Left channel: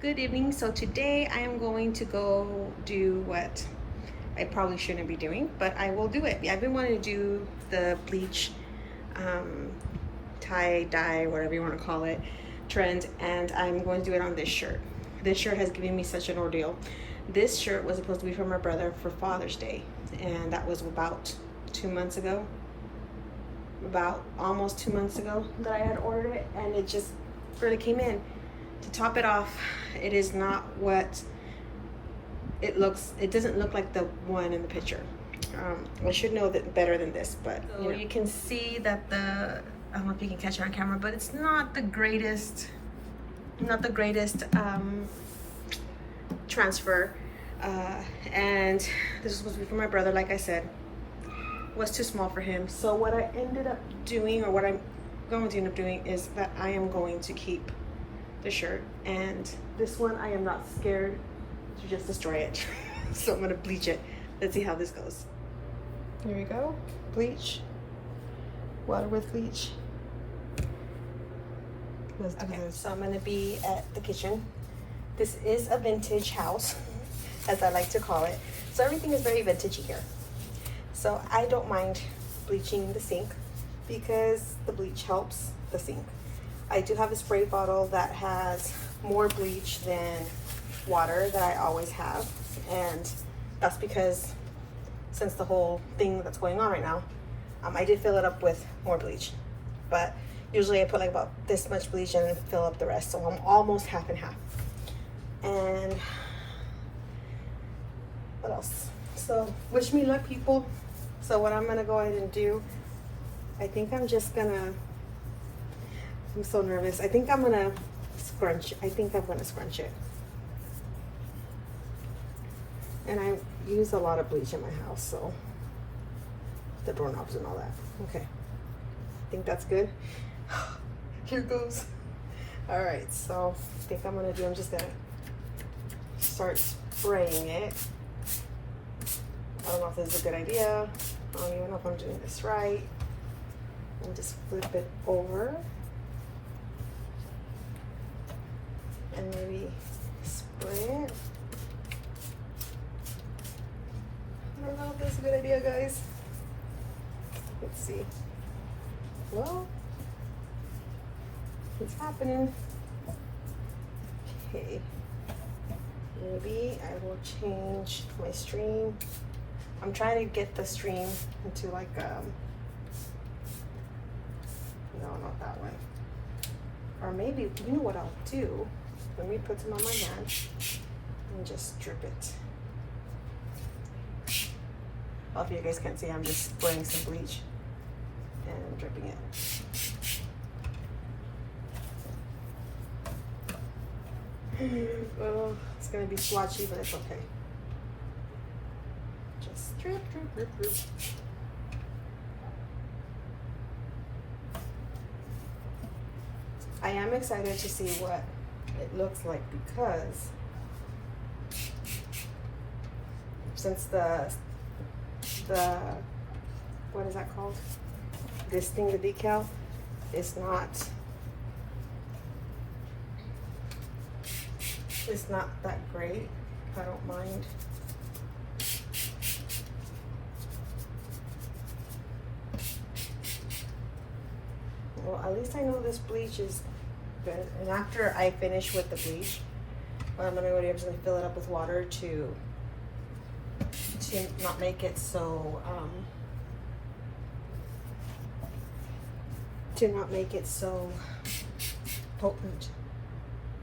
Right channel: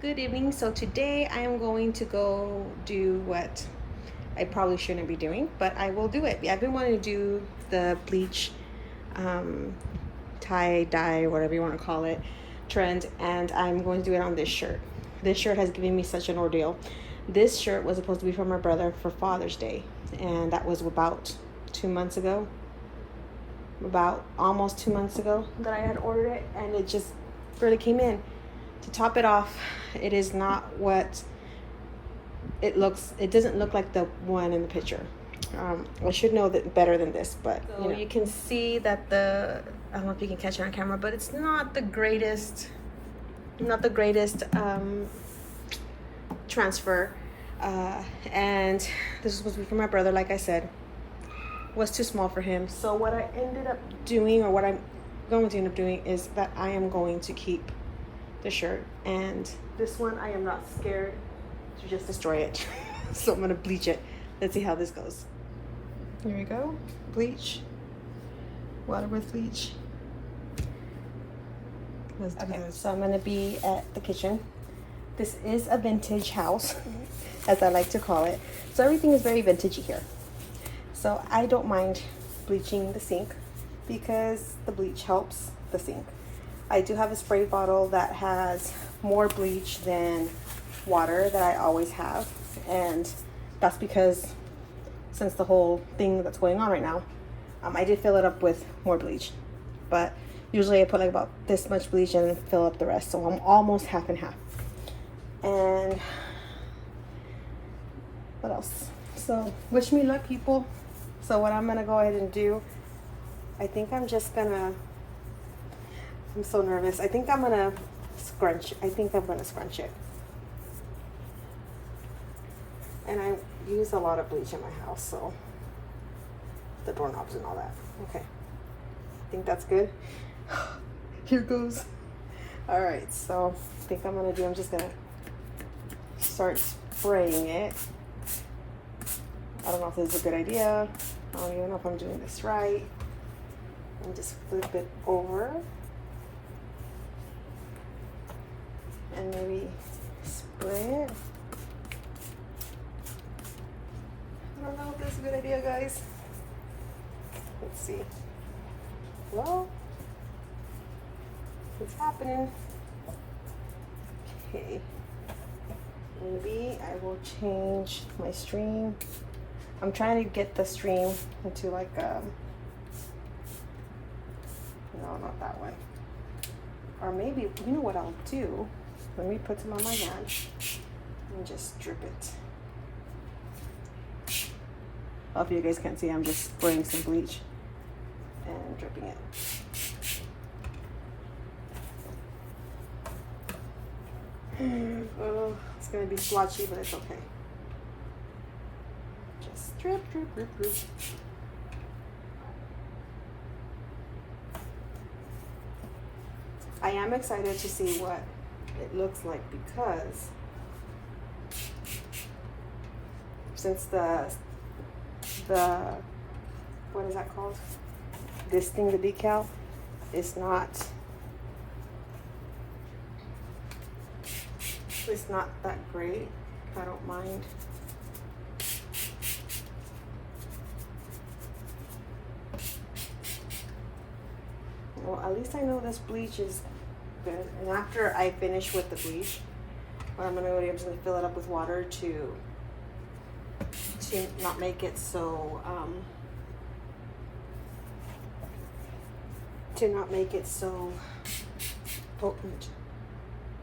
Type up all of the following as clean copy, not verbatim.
Good evening. So today I am going to go do what I probably shouldn't be doing, but I will do it. Yeah, I've been wanting to do the bleach tie dye, whatever you want to call it, trend, and I'm going to do it on this shirt. This shirt has given me such an ordeal. This shirt was supposed to be for my brother for Father's Day, and that was about 2 months ago. About almost 2 months ago that I had ordered it, and it just barely came in. To top it off, it is not what it looks. It doesn't look like the one in the picture. I should know that better than this, but you can see that I don't know if you can catch it on camera, but it's not the greatest. Not the greatest transfer, and this is supposed to be for my brother. Like I said, was too small for him. So what I ended up doing, or what I'm going to end up doing, is that I am going to keep the shirt, and this one I am not scared to just destroy it. So I'm gonna bleach it. Let's see how this goes. Here we go. Bleach. Water with bleach. Let's do this. So I'm gonna be at the kitchen. This is a vintage house, as I like to call it. So everything is very vintagey here. So I don't mind bleaching the sink because the bleach helps the sink. I do have a spray bottle that has more bleach than water that I always have, and that's because since the whole thing that's going on right now, I did fill it up with more bleach, but usually I put like about this much bleach and fill up the rest, so I'm almost half and half. And what else? So wish me luck, people. So what I'm gonna go ahead and do, I think I'm just gonna, I'm so nervous. I think I'm gonna scrunch. I think I'm gonna scrunch it. And I use a lot of bleach in my house, so the doorknobs and all that. Okay, I think that's good. Here goes. All right, so I think I'm just gonna start spraying it. I don't know if this is a good idea. I don't even know if I'm doing this right. I'll just flip it over. And maybe spray it. I don't know if that's a good idea, guys. Let's see. Well, it's happening. Okay. Maybe I will change my stream. I'm trying to get the stream into like no, not that way. Or maybe, you know what I'll do? Let me put some on my hand and just drip it. I hope you guys can see I'm just spraying some bleach and dripping it. It's gonna be splotchy, but it's okay. Just drip, drip, drip, drip. I am excited to see what it looks like, because since the what is that called? This thing, the decal, is not, it's not that great. I don't mind. Well, at least I know this bleach is good. And after I finish with the bleach, I'm gonna just fill it up with water to not make it so potent.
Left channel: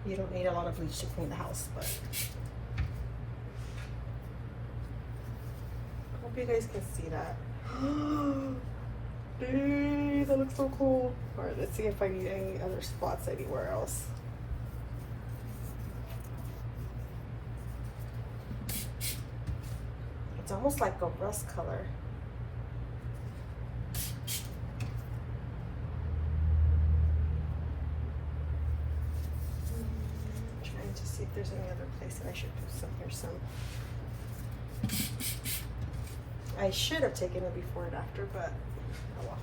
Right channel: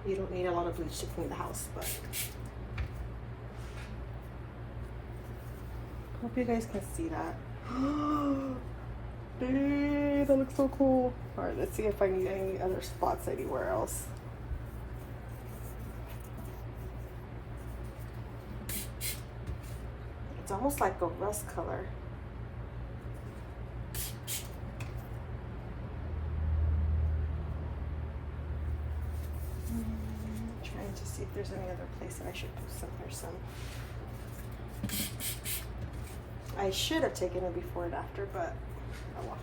You don't need a lot of bleach to clean the house, but hope you guys can see that. Hey, that looks so cool. All right, let's see if I need any other spots anywhere else. It's almost like a rust color. I'm trying to see if there's any other place that I should put some or some. I should have taken it before and after, but oh well.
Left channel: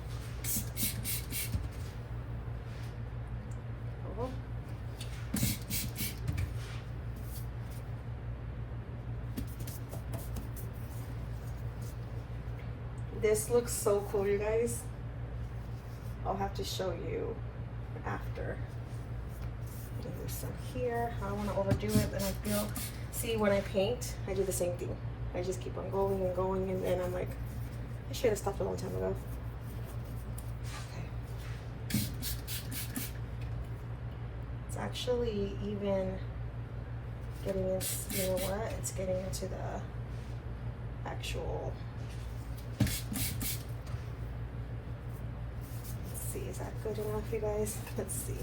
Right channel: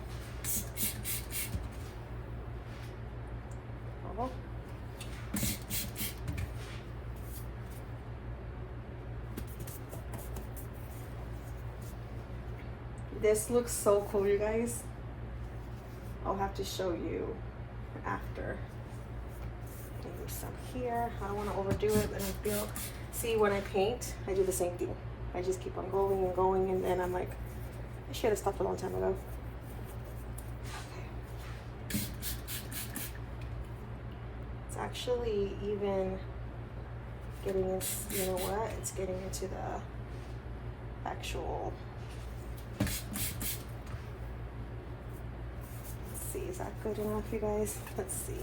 this looks so cool, you guys. I'll have to show you after. Do some here. I don't want to overdo it, but I feel, see, when I paint, I do the same thing. I just keep on going and going, and then I'm like, I should have stopped a long time ago. Okay. It's actually even getting, you know what? It's getting into the actual. Let's see, is that good enough, you guys? Let's see.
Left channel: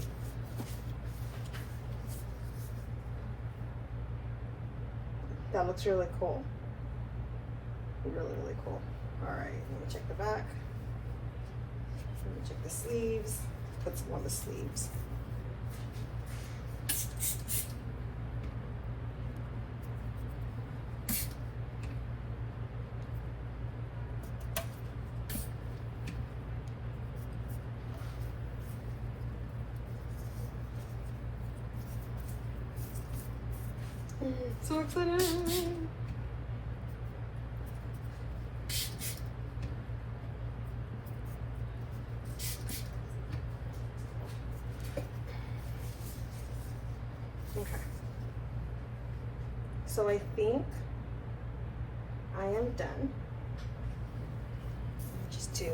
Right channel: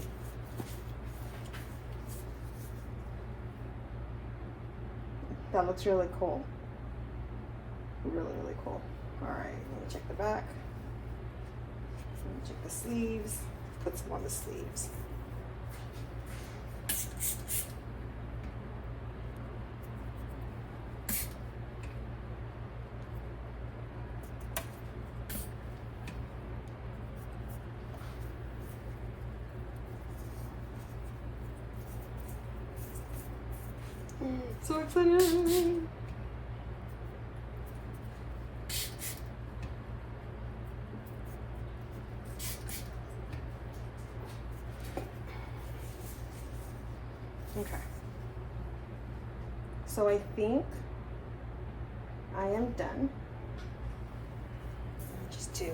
That looks really cool. Really, really cool. All right, let me check the back. Let me check the sleeves. Put some on the sleeves. So excited. Okay. So I think I am done. Just to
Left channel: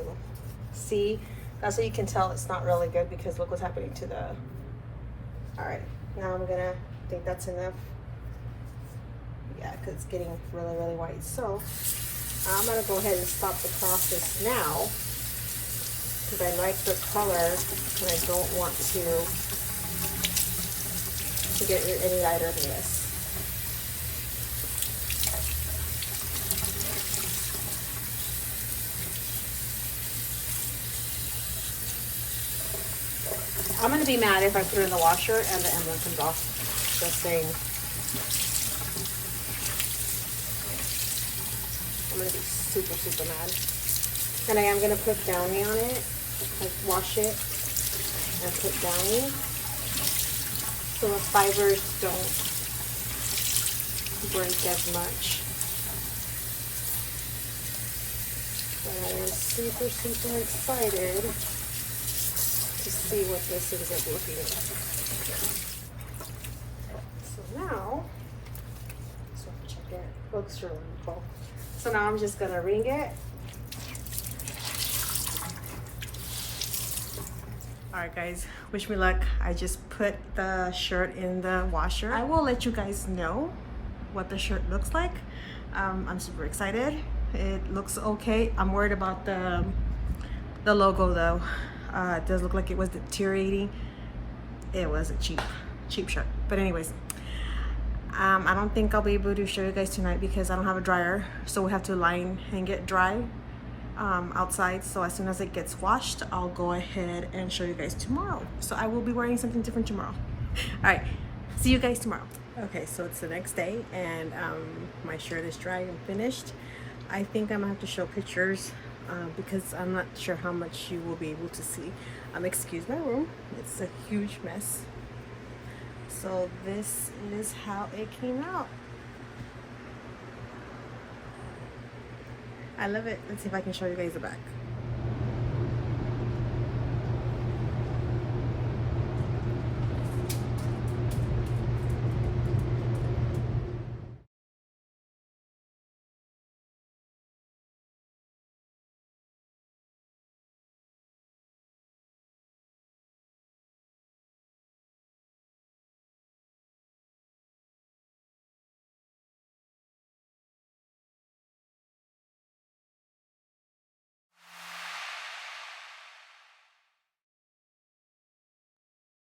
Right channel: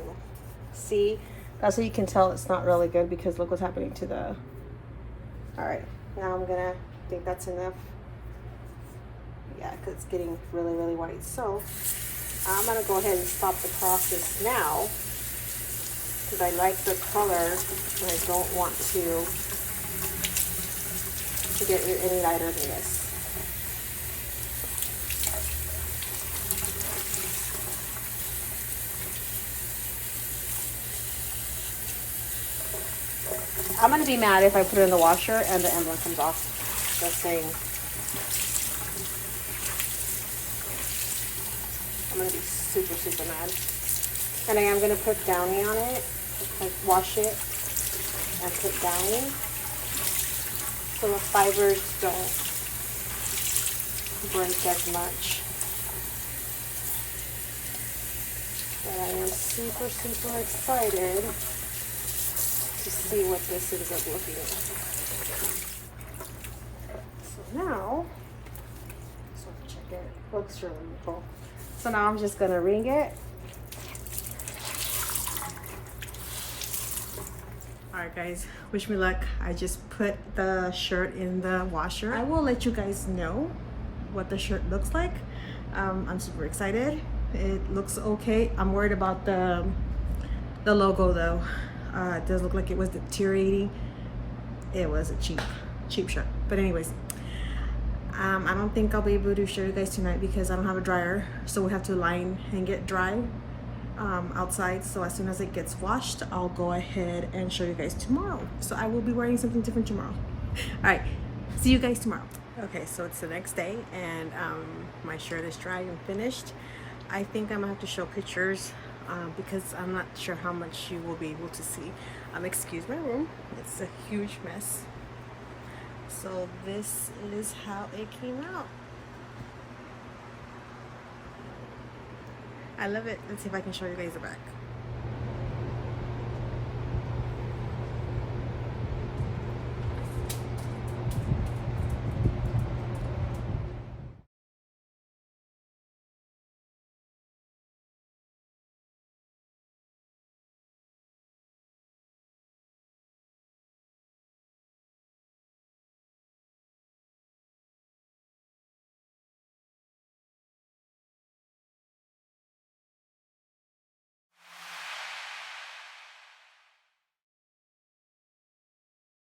see, that's how you can tell it's not really good, because look what's happening to the. All right, now I'm gonna think that's enough. Yeah, because it's getting really, really white. So I'm gonna go ahead and stop the process now, because I like the color and I don't want to get any lighter than this. I'm gonna be mad if I put it in the washer and the emblem comes off. Just saying. I'm gonna be super, super mad. And I am gonna put downy on it, like wash it and put downy, so the fibers don't break as much. But I am super, super excited to see what this ends up looking like. So now, check it. Looks really cool. So now I'm just gonna ring it. All right, guys, wish me luck. I just put the shirt in the washer. I will let you guys know what the shirt looks like. I'm super excited. It looks okay. I'm worried about the logo though. It does look like it was deteriorating. It was a cheap shirt. But anyways, I don't think I'll be able to show you guys tonight because I don't have a dryer, so we have to line and get dry outside. So as soon as it gets washed, I'll go ahead and show you guys tomorrow. So I will be wearing something different tomorrow. All right, see you guys tomorrow. Okay, so it's the next day and my shirt is dry and finished. I think I'm gonna have to show pictures because I'm not sure how much you will be able to see. Excuse my room, it's a huge mess. So this is how it came out. I love it. Let's see if I can show you guys the back.